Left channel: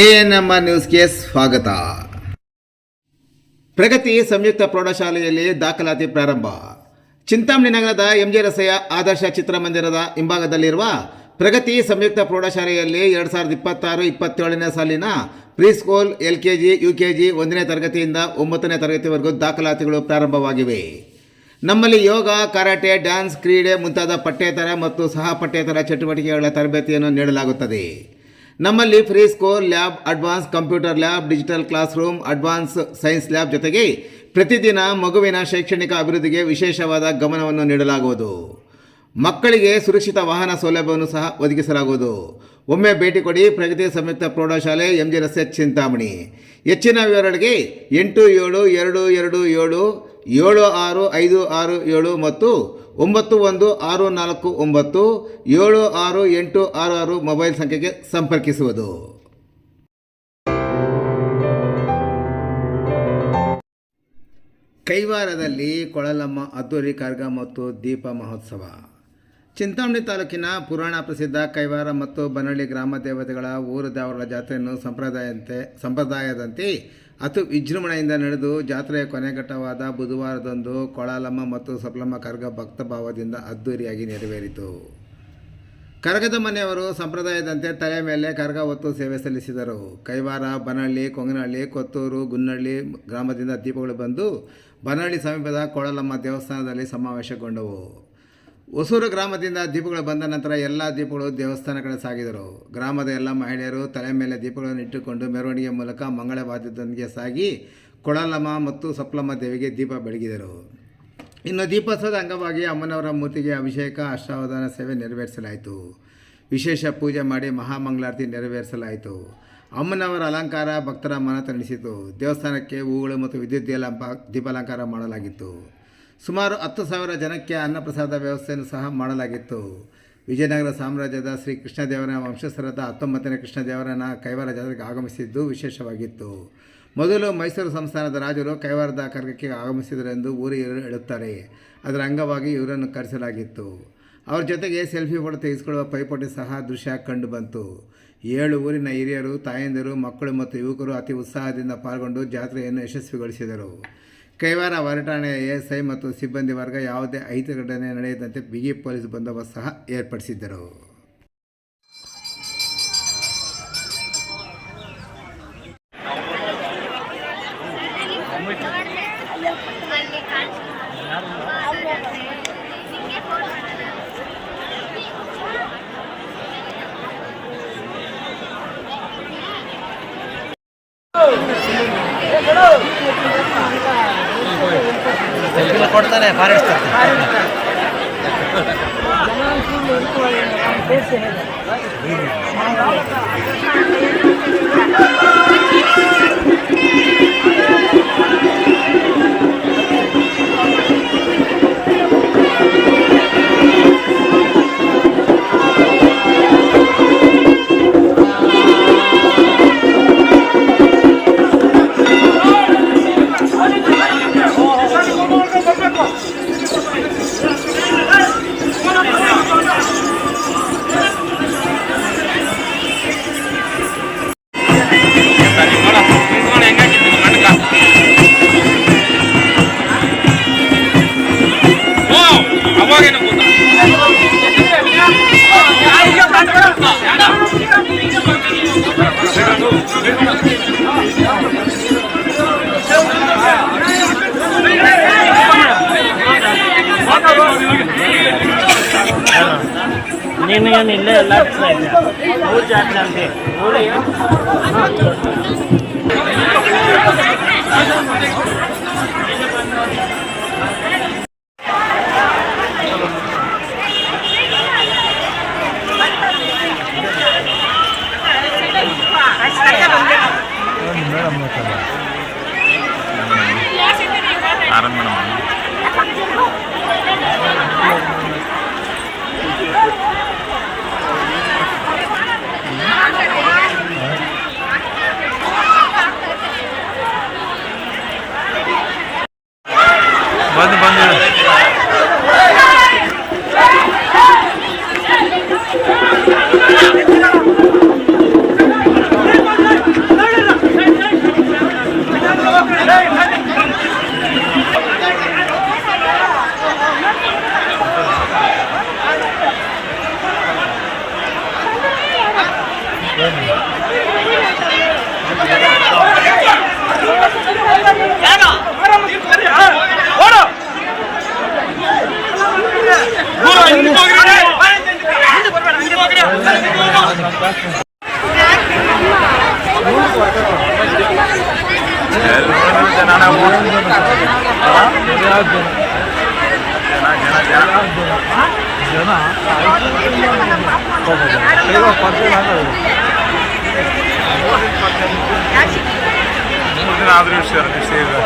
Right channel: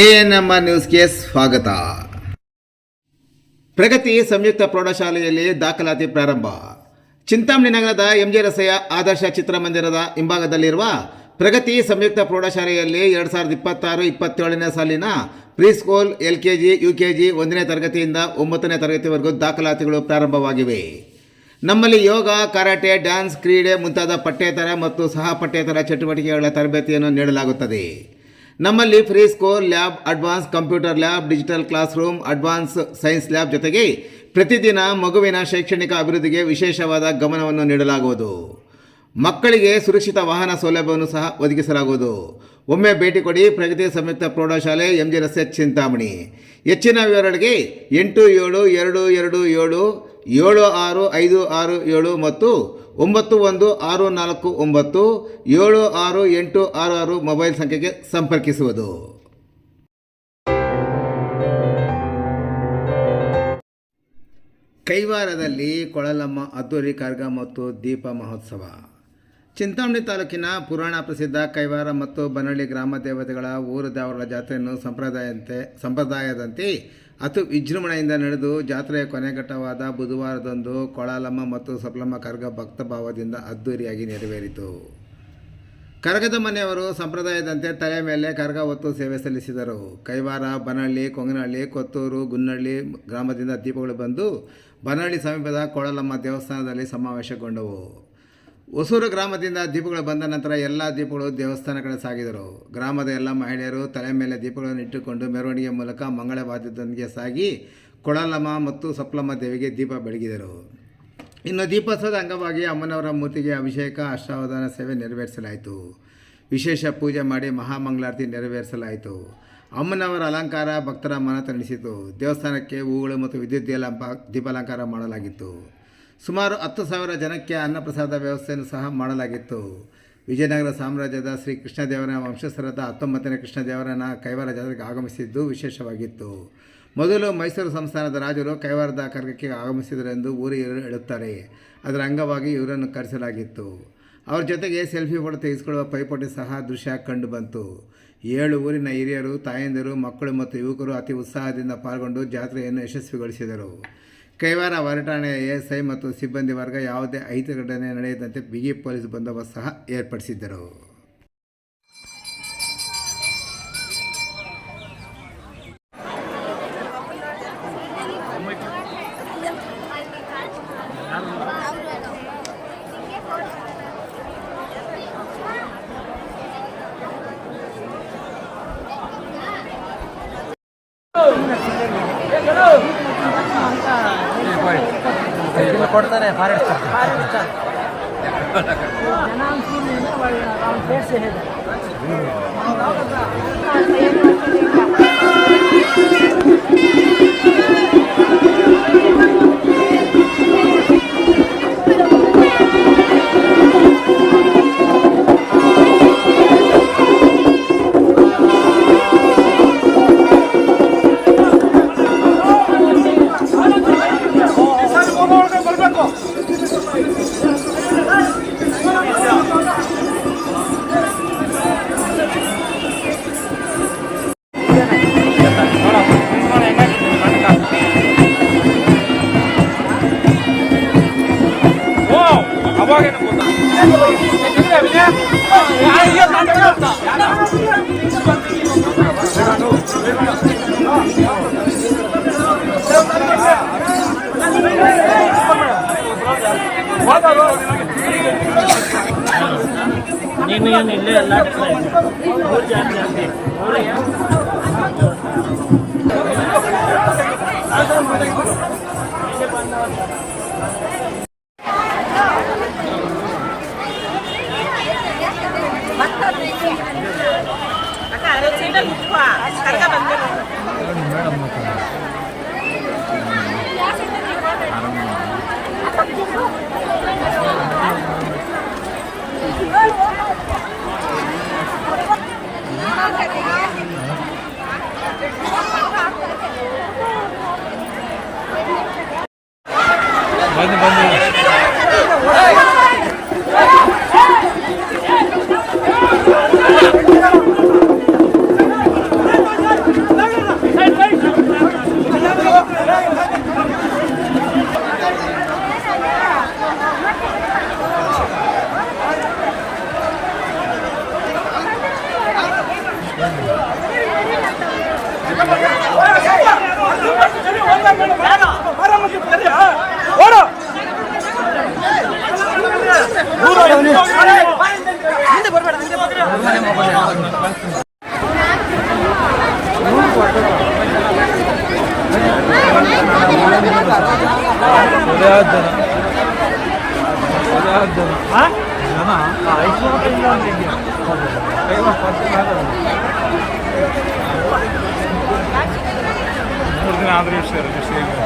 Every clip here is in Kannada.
ಎಎನ್ಎಂ ನ್ಯೂಸ್ಗೆ ಸ್ವಾಗತ. ಪ್ರಗತಿ ಸಂಯುಕ್ತ ಪ್ರೌಢಶಾಲೆಯಲ್ಲಿ ದಾಖಲಾತಿ ಪ್ರಾರಂಭ. ಚಿಂತಾಮಣಿ ನಗರದ ಎಂಜೆ ರಸ್ತೆಯ ಆದರ್ಶ ಚಿತ್ರಮಂದಿರದ ಹಿಂಭಾಗದಲ್ಲಿರುವ ಪ್ರಗತಿ ಸಂಯುಕ್ತ ಪ್ರೌಢಶಾಲೆಯಲ್ಲಿ 2026-27ನೇ ಸಾಲಿನ ಪ್ರೀಸ್ಕೂಲ್, LKG, UKG 1ನೇ ತರಗತಿಯಿಂದ 9ನೇ ತರಗತಿವರೆಗೂ ದಾಖಲಾತಿಗಳು ಪ್ರಾರಂಭವಾಗಿವೆ. ನಮ್ಮಲ್ಲಿ ಯೋಗ, ಕರಾಟೆ, ಡ್ಯಾನ್ಸ್, ಕ್ರೀಡೆ ಮುಂತಾದ ಪಠ್ಯೇತರ ಮತ್ತು ಸಹ ಪಠ್ಯೇತರ ಚಟುವಟಿಕೆಗಳ ತರಬೇತಿಯನ್ನು ನೀಡಲಾಗುತ್ತದೆ. ನಮ್ಮಲ್ಲಿ free school lab, advance computer lab, digital class room, advance science lab ಜೊತೆಗೆ ಪ್ರತಿದಿನ ಮಗುವಿನ ಶೈಕ್ಷಣಿಕ ಅಭಿವೃದ್ಧಿಗೆ ವಿಶೇಷವಾದ ಗಮನವನ್ನು ನೀಡಲಾಗುವುದು. ಮಕ್ಕಳಿಗೆ ಸುರಕ್ಷಿತ ವಾಹನ ಸೌಲಭ್ಯವನ್ನು ಸಹ ಒದಗಿಸಲಾಗುವುದು. ಒಮ್ಮೆ ಭೇಟಿ ಕೊಡಿ. ಪ್ರಗತಿ ಸಂಯುಕ್ತ ಪ್ರೌಢಶಾಲೆ, ಎಂಜೆ ರಸ್ತೆ, ಚಿಂತಾಮಣಿ. ಹೆಚ್ಚಿನ ವಿವರಗಳಿಗೆ 8772276567 ಮತ್ತು 9164976866 ಮೊಬೈಲ್ ಸಂಖ್ಯೆಗೆ ಸಂಪರ್ಕಿಸುವುದು. ಕೈವಾರದಲ್ಲಿ ಕೊಳಲಮ್ಮ ಅದ್ದೂರಿ ಕರಗ ಮತ್ತು ದೀಪ ಮಹೋತ್ಸವ. ಚಿಂತಾಮಣಿ ತಾಲೂಕಿನ ಪುರಾಣ ಪ್ರಸಿದ್ಧ ಕೈವಾರ ಮತ್ತು ಬನಹಳ್ಳಿ ಗ್ರಾಮ ದೇವತೆಗಳ ಊರು ದೇವರ ಜಾತ್ರೆಯನ್ನು ಸಂಪ್ರದಾಯದಂತೆ ಅತಿ ವಿಜೃಂಭಣೆಯಿಂದ ನಡೆದು ಜಾತ್ರೆಯ ಕೊನೆಘಟ್ಟವಾದ ಬುಧವಾರದಂದು ಕೊಳಲಮ್ಮ ಮತ್ತು ಸಪ್ಲಮ್ಮ ಕರಗ ಭಕ್ತಭಾವದಿಂದ ಅದ್ದೂರಿಯಾಗಿ ನೆರವೇರಿತು. ಕರಗದ ಮನೆಯವರು ಸಂಪ್ರದಾಯದಂತೆ ತಲೆ ಮೇಲೆ ಕರಗ ಹೊತ್ತು ಸೇವೆ ಸಲ್ಲಿಸಿದರು. ಕೈವಾರ, ಬನಹಳ್ಳಿ, ಕೊಂಗನಹಳ್ಳಿ, ಕೊತ್ತೂರು, ಗುನ್ನಹಳ್ಳಿ ಗ್ರಾಮದಿಂದ ದೀಪಗಳು ಬಂದು ಬನಹಳ್ಳಿ ಸಮೀಪದ ಕೊಳಲಮ್ಮ ದೇವಸ್ಥಾನದಲ್ಲಿ ಸಮಾವೇಶಗೊಂಡವು. ಹೊಸೂರು ಗ್ರಾಮದಿಂದ ದೀಪಗಳು ಬಂದ ನಂತರ ಎಲ್ಲ ದೀಪಗಳು ದೇವಸ್ಥಾನ ಕಡೆ ಸಾಗಿದರು. ಗ್ರಾಮದ ಎಲ್ಲ ಮಹಿಳೆಯರು ತಲೆ ಮೇಲೆ ದೀಪಗಳನ್ನು ಇಟ್ಟುಕೊಂಡು ಮೆರವಣಿಗೆ ಮೂಲಕ ಮಂಗಳವಾದ್ಯದೊಂದಿಗೆ ಸಾಗಿ ಕೊಳಲಮ್ಮ ಮತ್ತು ಸಪ್ಲಮ್ಮ ದೇವಿಗೆ ದೀಪ ಬೆಳಗಿದರು. ಇನ್ನು ದೀಪೋತ್ಸವದ ಅಂಗವಾಗಿ ಅಮ್ಮನವರ ಮೂರ್ತಿಗೆ ಅಭಿಷೇಕ, ಅಷ್ಟಾವಧಾನ ಸೇವೆ ನೆರವೇರಿಸಲಾಯಿತು. ವಿಶೇಷ ಪೂಜೆ ಮಾಡಿ ಮಹಾಮಂಗಳಾರತಿ ನೆರವೇರಿಸಲಾಯಿತು. ಅಮ್ಮನವರ ಅಲಂಕಾರ ಭಕ್ತರ ಮನ ತಣಿಸಿತು. ದೇವಸ್ಥಾನಕ್ಕೆ ಹೂಗಳು ಮತ್ತು ವಿದ್ಯುತ್ ದೀಪಾಲಂಕಾರ ಮಾಡಲಾಗಿತ್ತು. ಸುಮಾರು 10,000 ಜನಕ್ಕೆ ಅನ್ನಪ್ರಸಾದ ವ್ಯವಸ್ಥೆಯನ್ನು ಸಹ ಮಾಡಲಾಗಿತ್ತು. ವಿಜಯನಗರ ಸಾಮ್ರಾಜ್ಯದ ಶ್ರೀ ಕೃಷ್ಣದೇವರ ವಂಶಸ್ಥರಾದ 19ನೇ ಕೃಷ್ಣದೇವರನ ಕೈವಾರ ಜಾತ್ರೆಗೆ ಆಗಮಿಸಿದ್ದು ವಿಶೇಷವಾಗಿತ್ತು. ಮೊದಲು ಮೈಸೂರು ಸಂಸ್ಥಾನದ ರಾಜರು ಕೈವಾರದ ಕರಗಕ್ಕೆ ಆಗಮಿಸಿದರೆಂದು ಊರಿಗರು ಹೇಳುತ್ತಾರೆ. ಅದರ ಅಂಗವಾಗಿ ಇವರನ್ನು ಕರೆಸಲಾಗಿತ್ತು. ಅವರ ಜೊತೆಗೆ ಸೆಲ್ಫಿ ಫೋಟೋ ತೆಗೆಸಿಕೊಳ್ಳುವ ಪೈಪೋಟಿ ಸಹ ದೃಶ್ಯ ಕಂಡು ಬಂತು. 7 ಊರಿನ ಹಿರಿಯರು, ತಾಯಂದಿರು, ಮಕ್ಕಳು ಮತ್ತು ಯುವಕರು ಅತಿ ಉತ್ಸಾಹದಿಂದ ಪಾಲ್ಗೊಂಡು ಜಾತ್ರೆಯನ್ನು ಯಶಸ್ವಿಗೊಳಿಸಿದರು. ಕೈವಾರ ಹೊರಟಾಣೆಯ ASI ಮತ್ತು ಸಿಬ್ಬಂದಿ ವರ್ಗ ಯಾವುದೇ ಅಹಿತ ಘಟನೆ ನಡೆಯದಂತೆ ಬಿಗಿ ಪೊಲೀಸ್ ಬಂದೋಬಸ್ತ್ ಸಹ ಏರ್ಪಡಿಸಿದ್ದರು. ಕೊಡ್ತಾರೆ ಫಾರೆಸ್ಟ್ ಬಂದು ಮೂರು ದಿನ ಆದರೂ ಸರ್ ನಿಶ್ಚಯ ಇದೆ.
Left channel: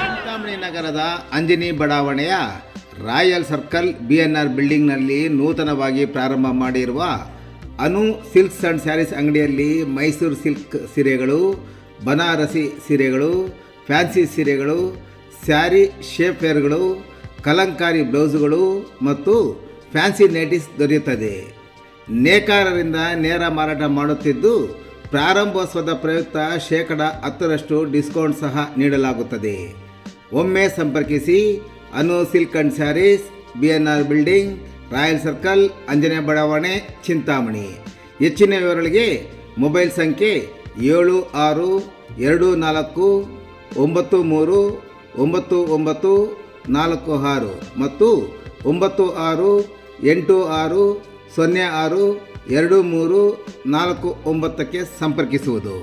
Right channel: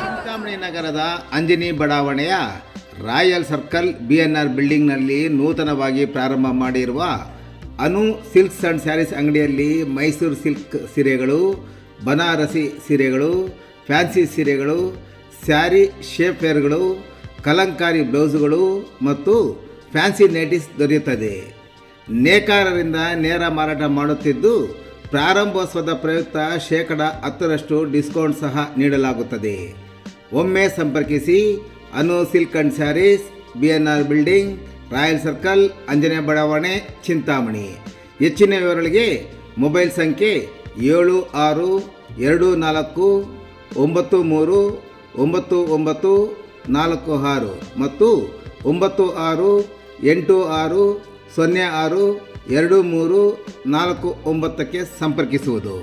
ಚಿಂತಾಮಣಿ ನಗರದ ಅಂಜನಿ ಬಡಾವಣೆಯ ರಾಯಲ್ ಸರ್ಕಲ್ BNR ಬಿಲ್ಡಿಂಗ್ನಲ್ಲಿ ನೂತನವಾಗಿ ಪ್ರಾರಂಭ ಮಾಡಿರುವ ಅನು ಸಿಲ್ಕ್ಸ್ ಆ್ಯಂಡ್ ಸ್ಯಾರೀಸ್ ಅಂಗಡಿಯಲ್ಲಿ ಮೈಸೂರು ಸಿಲ್ಕ್ ಸೀರೆಗಳು, ಬನಾರಸಿ ಸೀರೆಗಳು, ಫ್ಯಾನ್ಸಿ ಸೀರೆಗಳು, ಸ್ಯಾರಿ ಶೇಪ್ ವೇರ್ಗಳು, ಕಲಂಕಾರಿ ಬ್ಲೌಸುಗಳು ಮತ್ತು ಫ್ಯಾನ್ಸಿ ನೈಟೀಸ್ ದೊರೆಯುತ್ತದೆ. ನೇಕಾರರಿಂದ ನೇರ ಮಾರಾಟ ಮಾಡುತ್ತಿದ್ದು ಪ್ರಾರಂಭೋತ್ಸವದ ಪ್ರಯುಕ್ತ 10% ಡಿಸ್ಕೌಂಟ್ ಸಹ ನೀಡಲಾಗುತ್ತದೆ. ಒಮ್ಮೆ ಸಂಪರ್ಕಿಸಿ Anu silk and sarees, BNR building, royal circle, Anjane ಬಡಾವಣೆ, ಚಿಂತಾಮಣಿ. ಹೆಚ್ಚಿನ ವಿವರಗಳಿಗೆ ಮೊಬೈಲ್ ಸಂಖ್ಯೆ 7694399946 ಮತ್ತು 9686062349ಕ್ಕೆ ಸಂಪರ್ಕಿಸುವುದು.